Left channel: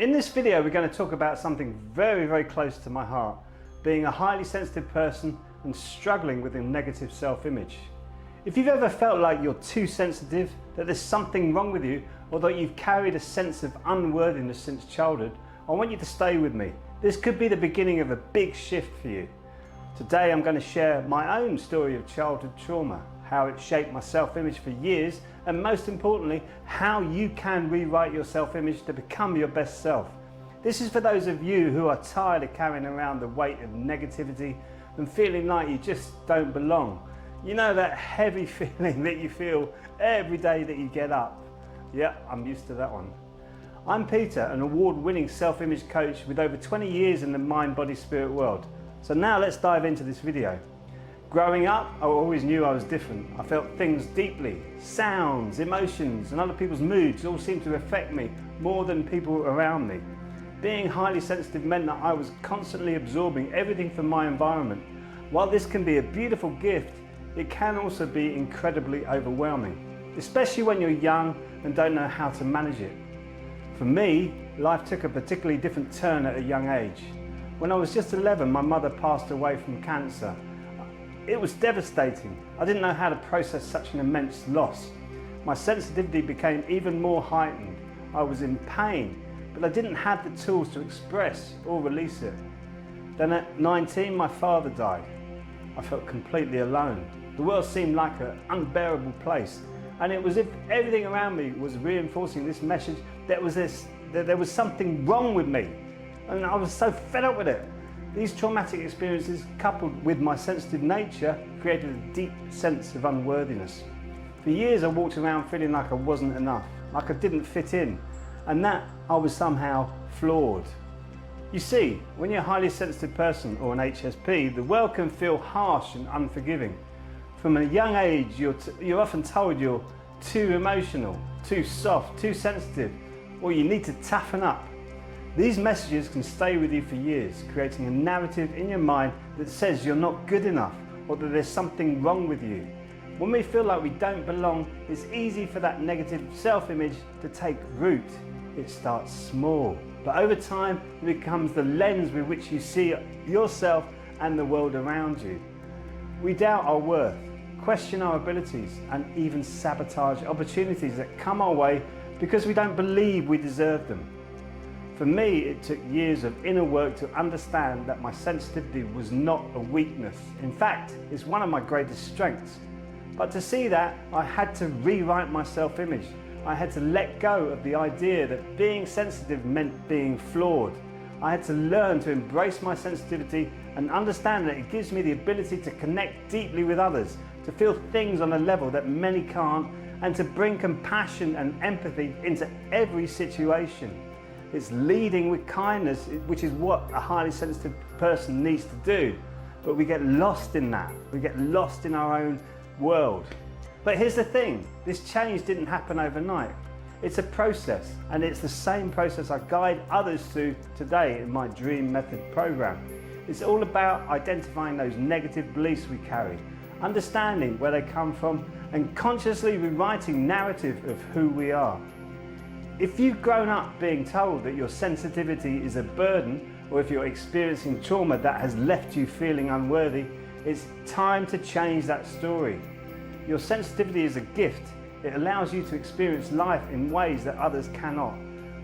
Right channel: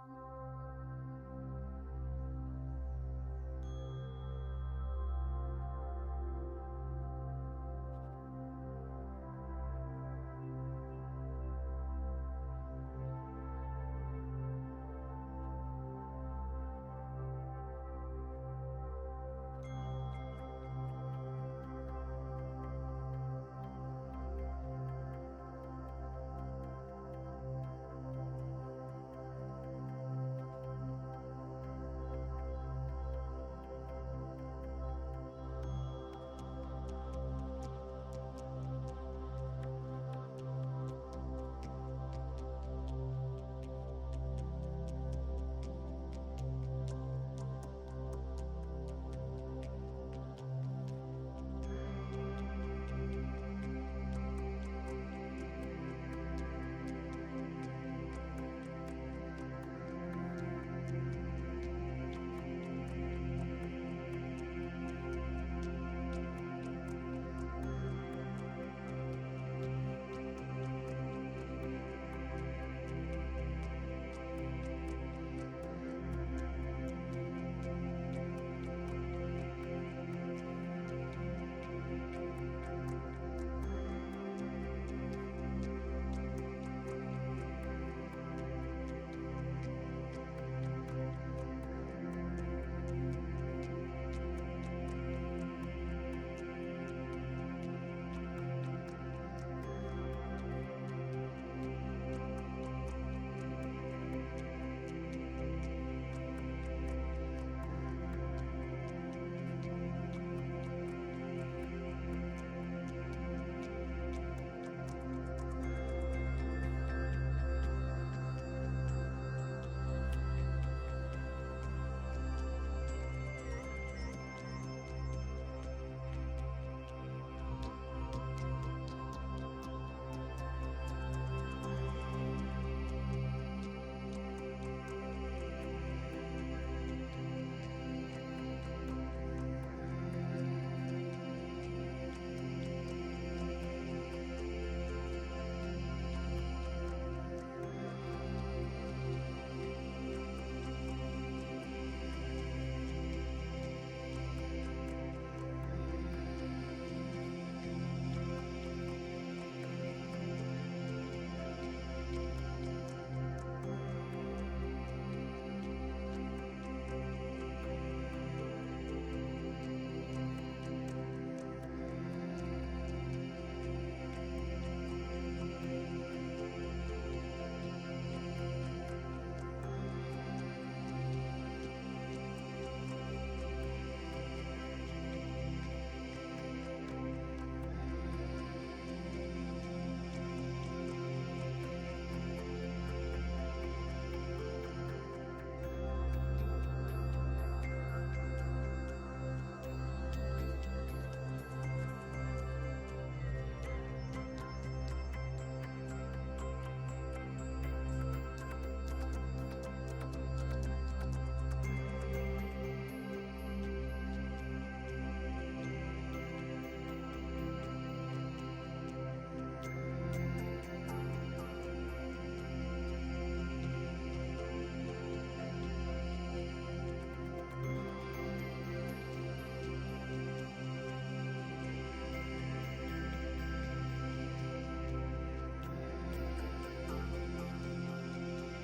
In this video, we're going to talk about something very, very close to my heart, being a highly sensitive person and struggling with a negative self-image. If you've ever felt like you're too sensitive, that there's something wrong with you, or that you've carried a sense of unworthiness since childhood, I want you to stay with me. This could be the beginning of a big shift for you. Today, I'm going to share my own story of childhood trauma, how it shaped my self-image for years, and most importantly, how you can rewrite your self-image to become your best self. This is for those of you who are tired of carrying around the weight of negativity and feeling like you just don't belong. You know that heavy feeling that you feel every day that you get up? Yeah, I'm used to that one. I'm Peter, an award-winning self-image coach with over 20 years in the mind, body, spirit world. So now let's dive into this video. Growing up, I always knew I was different. I felt things deeply. Sounds, emotions, and other people's moods all seemed to affect me more than people around me. Being highly sensitive meant that I was constantly absorbing everything from my environment. While this can be a beautiful gift, it can also be incredibly overwhelming, especially when you're young and don't know how to manage it. For me, life took a particularly different turn at a young age. When I was just 11, my mother passed away from cancer. It was devastating. I didn't know how to process such an immense loss. My sensitivity became even more heightened. I was in pain, but I didn't have the tools to express or release it. Then at 19, my father died. I felt completely alone. The world seemed like an unbearable place, and it was as if everything around me was reinforcing this message that there was something wrong with me, and I was so fed up with it. These traumatic experiences, coupled with my sensitive nature, created a deep sense of unworthiness. For years I walked around feeling like I wasn't enough, like I didn't fit in, and that I was somehow flawed. You see, when you're a highly sensitive person or an HSP, the world can feel harsh and unforgiving. From a young age, you're often told you're too emotional, too soft, too sensitive, or you need to toughen up. These messages can stay with you for years, creating a narrative in your mind that says you're not good enough or that there's something wrong with you. When we feel like we don't belong, it's easy for that negative self-image to take root. It starts small, but over time it becomes the lens with which you see yourself and the world around you. We doubt our worth, question our abilities, and even sabotage opportunities that come our way because we don't believe we deserve them. For me, it took years of inner work to understand that my sensitivity was not a weakness. In fact, it's one of my greatest strengths. But to see that, I had to rewrite my self-image. I had to let go of the idea that being sensitive meant being flawed. I had to learn to embrace my sensitivity and understand that it gives me the ability to connect deeply with others, to feel things on a level that many can't, and to bring compassion and empathy into every situation. It's leading with kindness, which is what a highly sensitive person needs to do. But we get lost in that. We get lost in our own world. But here's the thing, this change didn't happen overnight. It's a process, and it's the same process I guide others through today in my Dream Method program. It's all about identifying those negative beliefs we carry, understanding where they come from, and consciously rewriting narrative of who we are. If you've grown up being told that your sensitivity is a burden, or if you're experiencing trauma that has left you feeling unworthy, it's time to change that story. Your sensitivity is a gift. It allows you to experience life in ways that others cannot.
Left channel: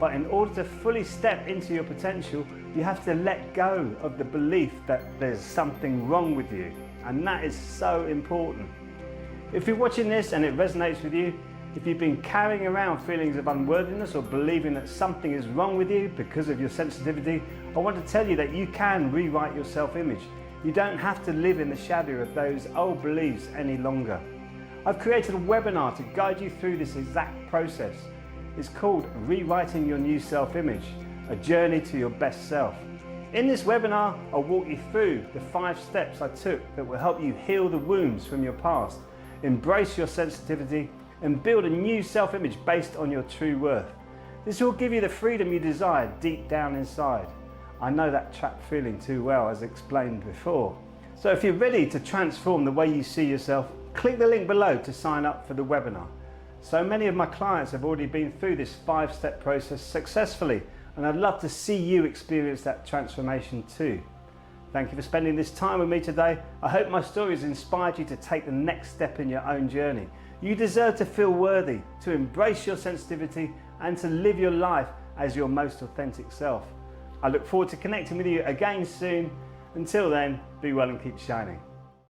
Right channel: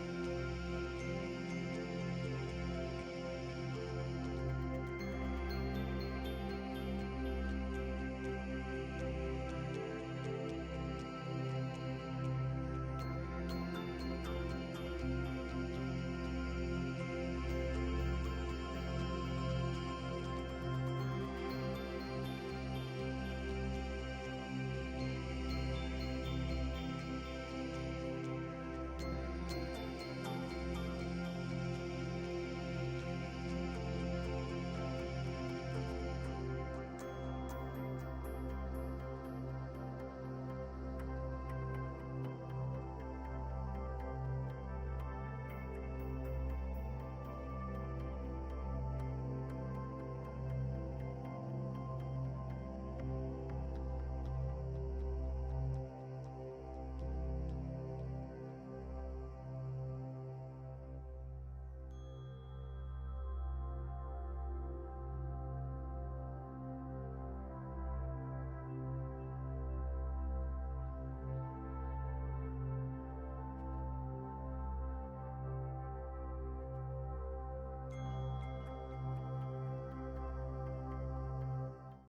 But in order to fully step into your potential, you have to let go of the belief that there's something wrong with you. And that is so important. If you're watching this and it resonates with you, if you've been carrying around feelings of unworthiness or believing that something is wrong with you because of your sensitivity, I want to tell you that you can rewrite your self-image. You don't have to live in the shadow of those old beliefs any longer. I've created a webinar to guide you through this exact process. It's called Rewriting Your New Self-Image, a journey to your best self. In this webinar, I'll walk you through the 5 steps I took that will help you heal the wounds from your past, embrace your sensitivity, and build a new self-image based on your true worth. This will give you the freedom you desire deep down inside. I know that trapped feeling too well, as explained before. So if you're ready to transform the way you see yourself, click the link below to sign up for the webinar. So many of my clients have already been through this 5-step process successfully. and I'd love to see you experience that transformation too. Thank you for spending this time with me today. I hope my story has inspired you to take the next step in your own journey. You deserve to feel worthy, to embrace your sensitivity, and to live your life as your most authentic self. I look forward to connecting with you again soon. Until then, be well and keep shining.